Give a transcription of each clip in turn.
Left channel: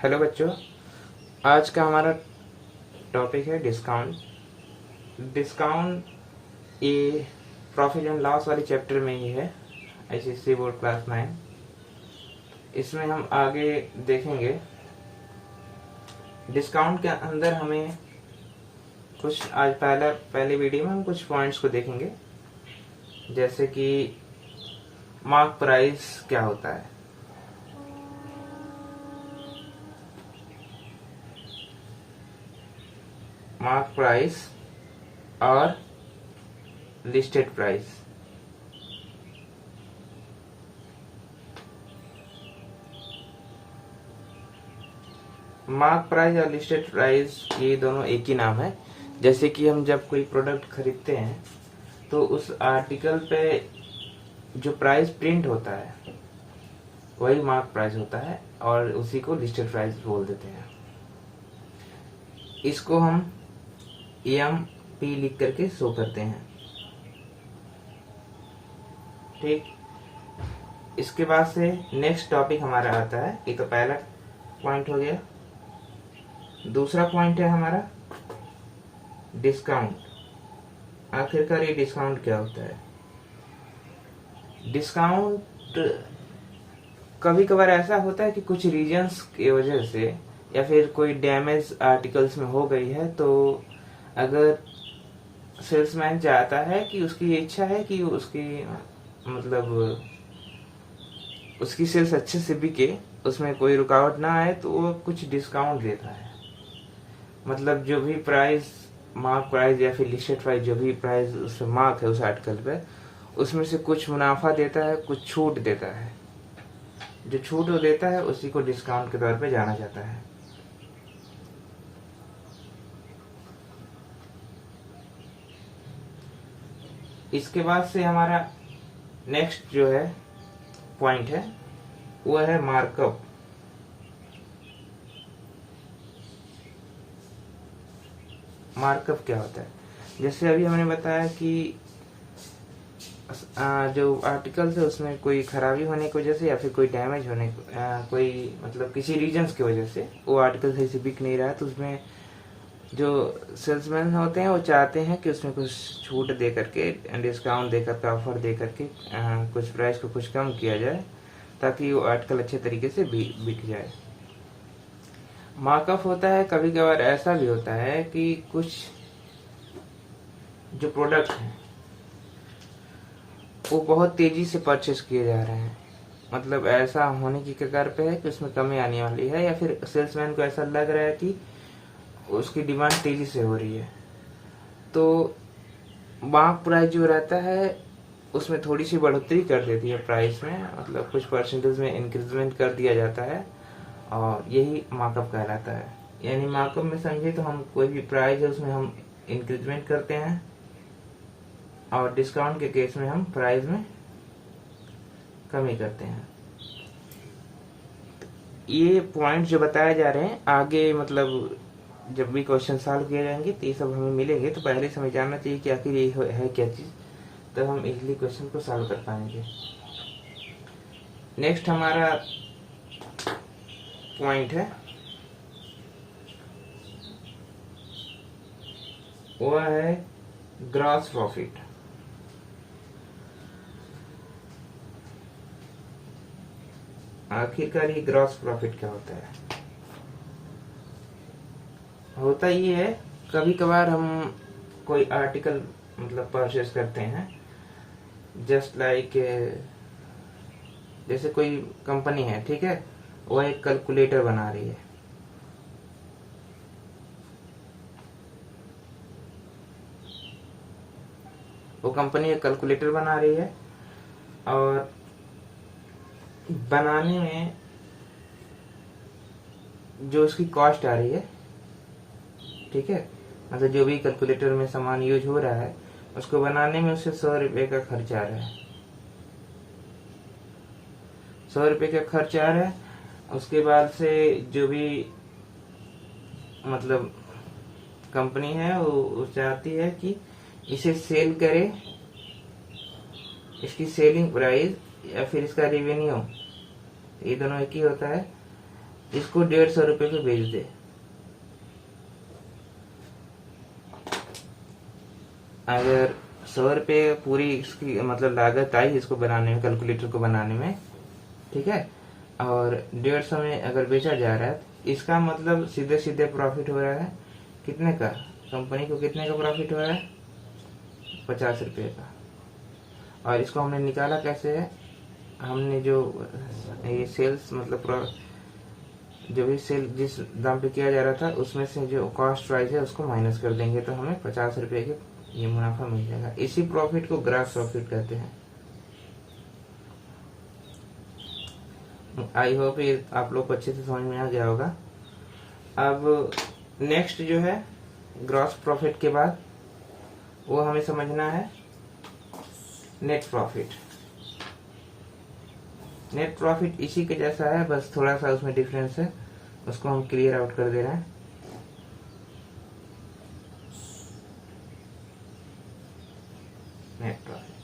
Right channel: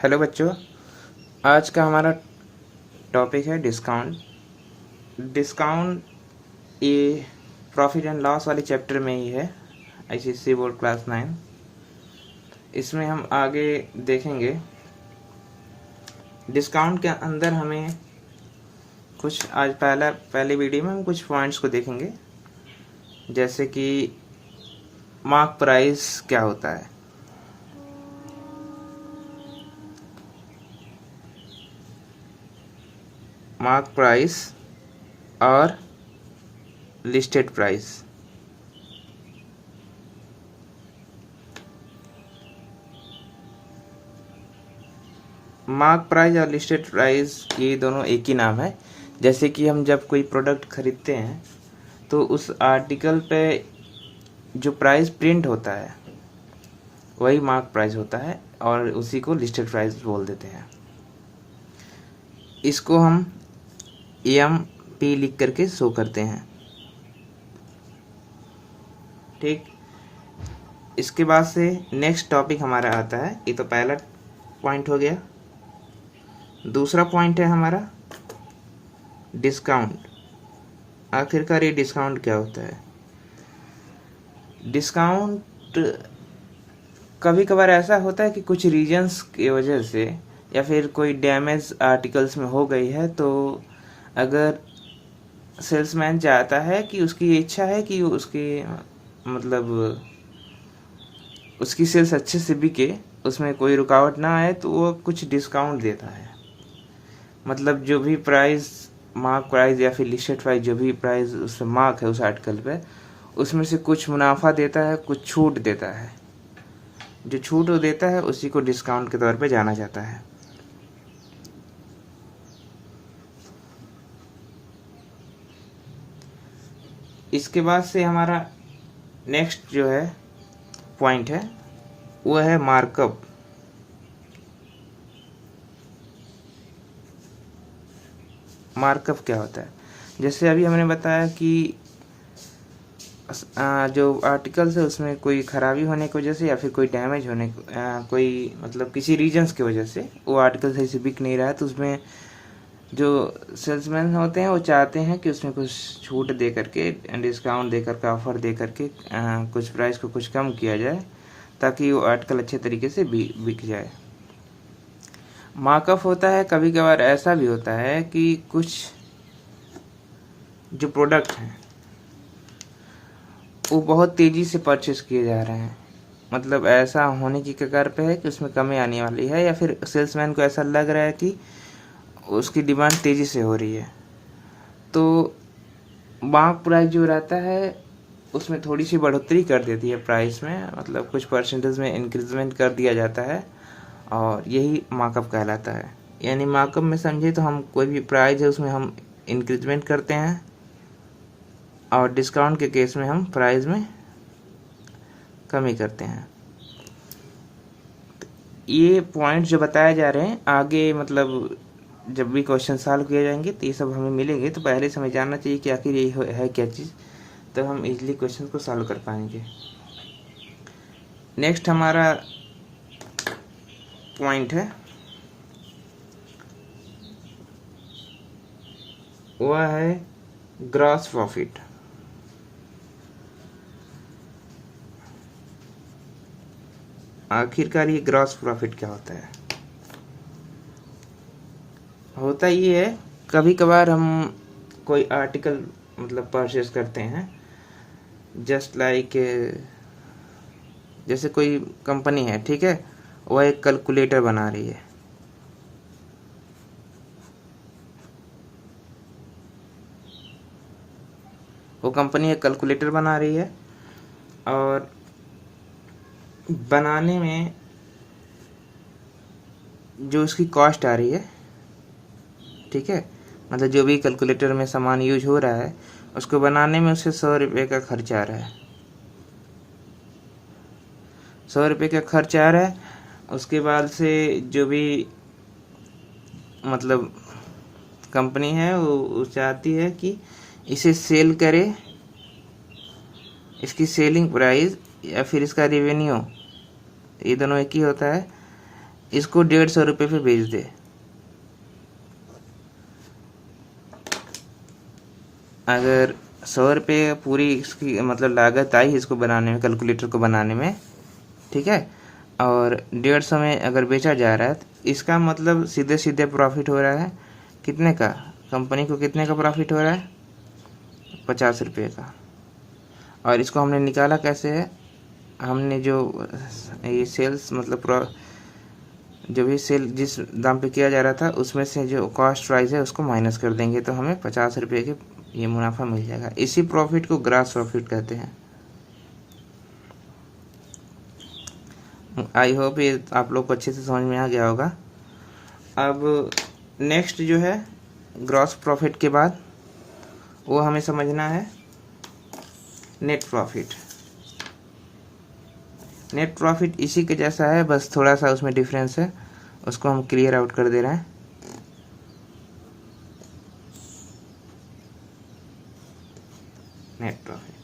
Hello बच्चों, आज का हमारा टॉपिक है डिस्काउंट। डिस्काउंट ये प्रॉफिट एंड लॉस वाले चैप्टर में ही है, आईसीएसई बोर्ड क्लास 9। इसमें हम आगे देखेंगे डिस्काउंट के अंदर हमें कुछ आज पहले वीडियो में हम कुछ पॉइंट्स को देखेंगे, जैसे कि मार्क प्राइस क्या होता है, मार्क प्राइस और लिस्टेड प्राइस। मार्क प्राइस और लिस्टेड प्राइस ये दोनों एक ही नाम है। जैसे कि हम जब कोई प्रोडक्ट खरीदते हैं तो उस आर्टिकल पे जो प्राइस प्रिंट होता है वही मार्क प्राइस होता है और उसी को लिस्टेड प्राइस बोल देते हैं। इसको हम EMP लिख करके शो करते हैं। ठीक, इसके बाद से नेक्स्ट टॉपिक हमारा आता है। ये तो पहला पॉइंट हो गया। दूसरा पॉइंट है हमारा डिस्काउंट। आखिरकार ये डिस्काउंट क्या होता है? डिस्काउंट कभी कभार ऐसा होता है कि कुछ रीजंस की वजह से या फिर कोई डैमेज आर्टिकल्स में हो गई है, तो अगर सेल्समैन चाहता है कि उसकी इच्छा है कि उसकी मतलब उसकी सेल्स अच्छे से बिके, उसमें कोई रुकावट ना आए, तो वो कुछ डिस्काउंट देता है। मतलब जो भी प्राइस, मार्क प्राइस या फिर लिस्टेड प्राइस, जो भी प्राइस उस मार्क है उस आर्टिकल पे, उसमें से कुछ मुनाफा देता है, कुछ छूट देता है। जो छूट वो देता है उसी को डिस्काउंट के तौर पे जाना जाता है। इसके बाद से हमारा नेक्स्ट जो है पॉइंट है वो है मार्कअप। मार्कअप क्या होता है? जैसे अभी हमने बताया कि जो आर्टिकल्स है उसमें कोई खराबी होने की वजह से या फिर कोई डैमेज होने कोई मतलब किसी रीजंस की वजह से वो आर्टिकल सही से बिक नहीं रहा है, तो उसमें जो सेल्समैन होते हैं वो चाहते हैं कि उसमें कुछ छूट दे करके, डिस्काउंट दे करके, ऑफर दे करके कुछ प्राइस को कुछ कम किया जाए ताकि वो आर्टिकल अच्छे तरीके से बिक जाए। मार्कअप होता है, कभी कभार ऐसा भी होता है कि कुछ जो प्रोडक्ट हैं वो बहुत तेजी से परचेस किए जा रहे हैं, मतलब ऐसा होने की कगार पे है कि उसमें कमी आने वाली है, या फिर सेल्समैन को ऐसा लग रहा है कि उसकी डिमांड तेजी से हो रही है, तो मार्क प्राइस जो रहता है उसमें थोड़ी सी बढ़ोतरी कर देती है प्राइस में, मतलब कुछ परसेंटेज में इंक्रीजमेंट कर दिया जाता है, और यही मार्कअप कहलाता है। यानी मार्कअप में समझिए तो हम कोई भी प्राइस है उसमें हम इंक्रीजमेंट करते हैं, और डिस्काउंट के केस में हम प्राइस में कमी करते हैं। ये पॉइंट जो बताए जा रहे हैं आगे, मतलब जब भी क्वेश्चन सॉल्व किए जाएंगे तो ये सब हमें मिलेंगे, तो पहले से हमें जानना चाहिए कि आखिर ये है क्या चीज़, तब हम इजीली क्वेश्चन को सॉल्व कर पाएंगे। नेक्स्ट हमारा पॉइंट है वह है ग्रॉस प्रॉफिट। आखिरकार ये ग्रॉस प्रॉफिट क्या होता है? होता ये है, कभी कभार हम कोई आर्टिकल मतलब परचेस करते हैं, जस्ट लाइक जैसे कोई कंपनी है, ठीक है, वह एक कैलकुलेटर बना रही है, वो कंपनी एक कैलकुलेटर बना रही है, और बनाने में जो उसकी कॉस्ट आ रही है, ठीक है, मतलब जो भी कैलकुलेटर में सामान यूज हो रहा है उसको बनाने में उसे 100 रुपये का खर्च आ रहा है। 100 रुपये का खर्च आ रहा है। उसके बाद से जो भी मतलब कंपनी है वो चाहती है कि इसे सेल करे, इसकी सेलिंग प्राइस या फिर इसका रेवेन्यू, ये दोनों एक ही होता है, इसको 150 रुपये पे बेच दे। अगर 100 रुपये पूरी इसकी मतलब लागत आई इसको बनाने में, कैलकुलेटर को बनाने में, ठीक है, और 150 में अगर बेचा जा रहा है तो इसका मतलब सीधे सीधे प्रॉफिट हो रहा है कितने का, कंपनी को कितने का प्रॉफिट हो रहा है, 50 रुपये का। और इसको हमने निकाला कैसे है, हमने जो ये सेल्स मतलब जो भी सेल जिस दाम पे किया जा रहा था उसमें से जो कॉस्ट प्राइस है उसको माइनस कर देंगे तो हमें 50 रुपये के ये मुनाफा मिल जाएगा। इसी प्रॉफिट को ग्रॉस प्रॉफिट कहते हैं। आई होप ये आप लोग को अच्छे से समझ में आ गया होगा। अब नेक्स्ट जो है ग्रॉस प्रॉफिट के बाद वो हमें समझना है नेट प्रॉफिट। नेट प्रॉफिट इसी के जैसा है, बस थोड़ा सा उसमें डिफरेंस है, उसको हम क्लियर आउट कर दे रहे हैं। नेट प्रॉफिट,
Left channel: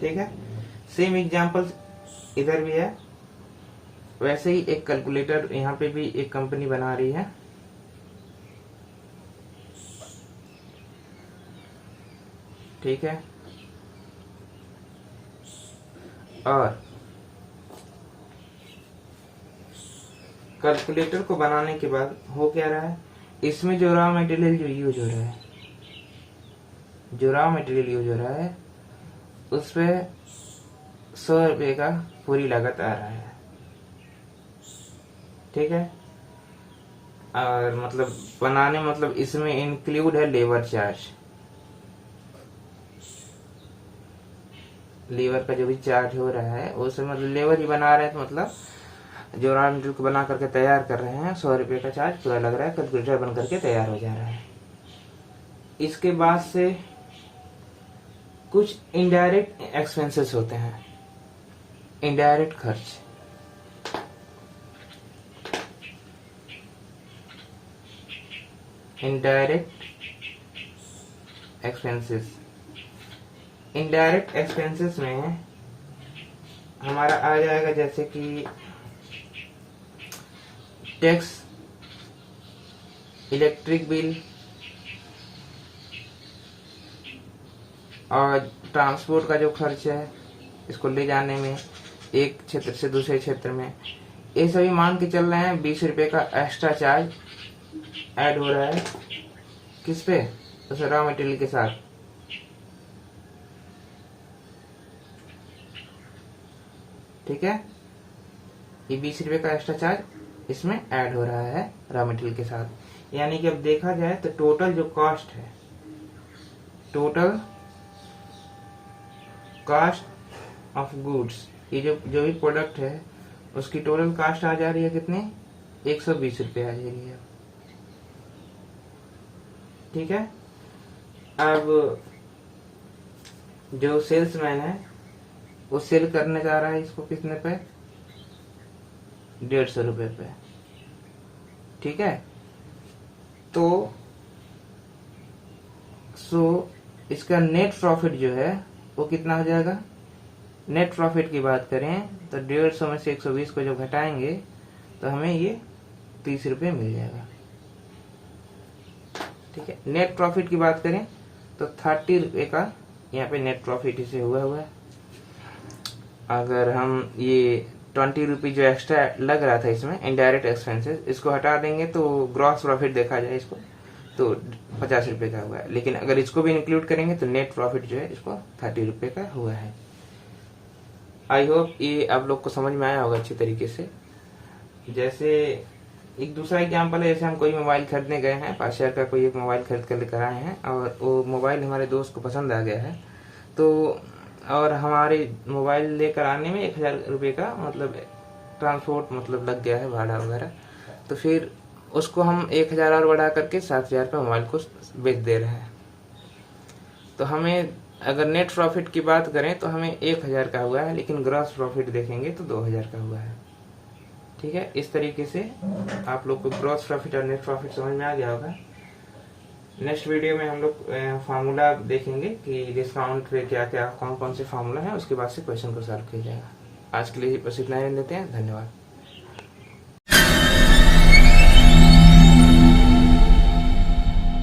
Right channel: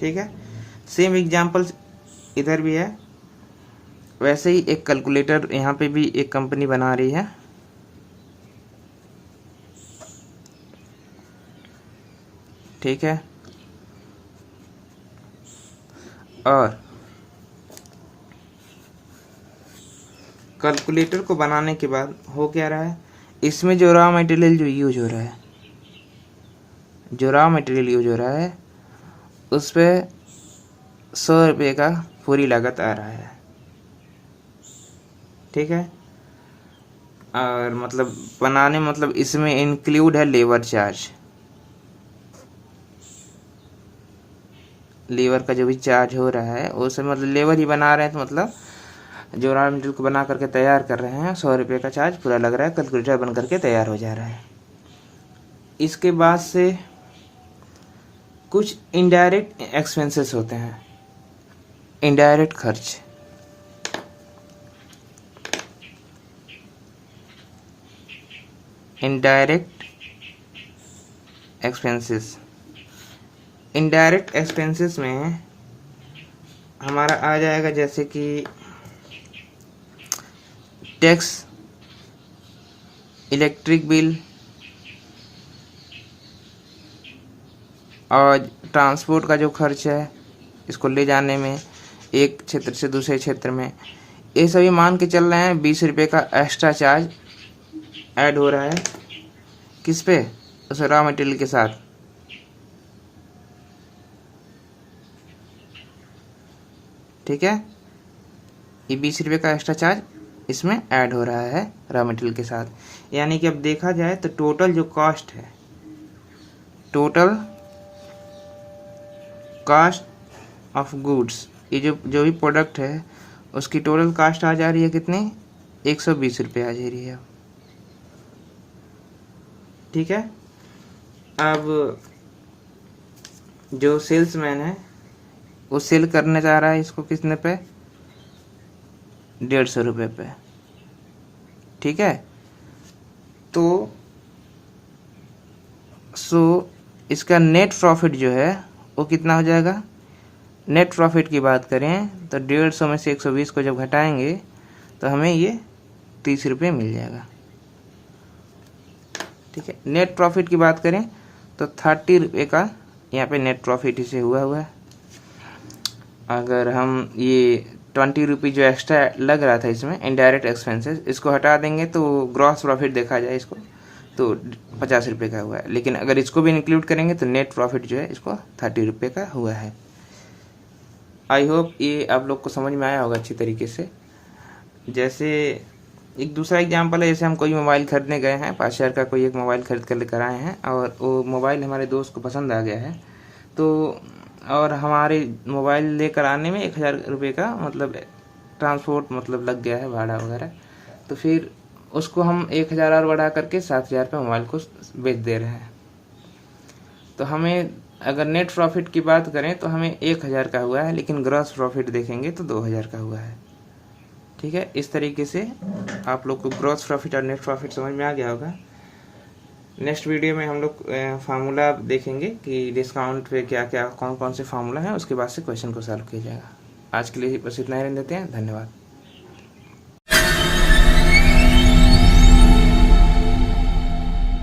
ठीक है। सेम एग्जांपल इधर भी है, वैसे ही एक कैलकुलेटर यहाँ पे भी एक कंपनी बना रही है, ठीक है। और कैलकुलेटर को बनाने के बाद हो क्या रहा है, इसमें जो रॉ मटेरियल जो यूज हो रहा है, जो रॉ मटेरियल यूज हो रहा है उस पर 100 रुपये का पूरी लागत आ रहा है, ठीक है। और मतलब बनाने मतलब इसमें इंक्लूड है लेबर चार्ज, लेबर का जो भी चार्ज हो रहा है उसमें मतलब लेबर ही बना रहे हैं तो मतलब जो रॉ मटेरियल को बना करके तैयार कर रहे हैं 100 रुपये का चार्ज पूरा लग रहा है, कैलकुलेटर बन करके तैयार हो जा रहा है। इसके बाद से कुछ इनडायरेक्ट एक्सपेंसेस होते हैं, इनडायरेक्ट खर्च। इनडायरेक्ट एक्सपेंसेस, इनडायरेक्ट एक्सपेंसेस में हमारा आ जाएगा जैसे कि टैक्स, इलेक्ट्रिक बिल और ट्रांसपोर्ट का जो खर्च है इसको ले जाने में एक क्षेत्र से दूसरे क्षेत्र में, ये सभी मान के चल रहे हैं 20 रुपये का एक्स्ट्रा चार्ज ऐड हो रहा है किस पे, उस रॉ मटेरियल के साथ, ठीक है। ये 20 रुपये का एक्स्ट्रा चार्ज इसमें ऐड हो रहा है रॉ मटेरियल के साथ। यानी कि अब देखा जाए तो टोटल जो कॉस्ट है, टोटल कॉस्ट ऑफ गुड्स, ये जो भी प्रोडक्ट है उसकी टोटल कॉस्ट आ जा रही है कितनी, 120 रुपये आ जा रही है, ठीक है। अब जो सेल्समैन है वो सेल करने जा रहा है इसको कितने पे, 150 रुपये पे, ठीक है। तो इसका नेट प्रॉफिट जो है वो कितना हो जाएगा, नेट प्रॉफिट की बात करें तो 150 में से 120 को जब घटाएंगे तो हमें ये 30 रुपये मिल जाएगा, ठीक है। नेट प्रॉफिट की बात करें तो 30 रुपये का यहाँ पे नेट प्रॉफिट इसे हुआ है। अगर हम ये 20 रुपये जो एक्स्ट्रा लग रहा था इसमें इनडायरेक्ट एक्सपेंसेस, इसको हटा देंगे तो ग्रॉस प्रॉफिट देखा जाए इसको तो 50 रुपये का हुआ है, लेकिन अगर इसको भी इंक्लूड करेंगे तो नेट प्रॉफिट जो है इसको 30 रुपये का हुआ है। आई होप ये आप लोग को समझ में आया होगा अच्छी तरीके से। जैसे एक दूसरा एग्जांपल है, जैसे हम कोई मोबाइल खरीदने गए हैं, 5 हज़ार का कोई एक मोबाइल खरीद कर लेकर आए हैं और वो मोबाइल हमारे दोस्त को पसंद आ गया है, तो और हमारे मोबाइल लेकर आने में 1000 रुपये का मतलब ट्रांसपोर्ट मतलब लग गया है, भाड़ा वगैरह, तो फिर उसको हम 1000 और बढ़ा करके 7000 पे मोबाइल को बेच दे रहे हैं। तो हमें अगर नेट प्रॉफिट की बात करें तो हमें 1000 का हुआ है, लेकिन ग्रॉस प्रॉफिट देखेंगे तो 2000 का हुआ है, ठीक है। इस तरीके से आप लोग को ग्रॉस प्रॉफिट और नेट प्रॉफिट समझ में आ गया होगा। नेक्स्ट वीडियो में हम लोग फार्मूला देखेंगे कि डिस्काउंट पे क्या क्या कौन कौन से फार्मूला है, उसके बाद से क्वेश्चन को सॉल्व किया जाएगा। आज के लिए बस इतना ही लेते हैं। धन्यवाद।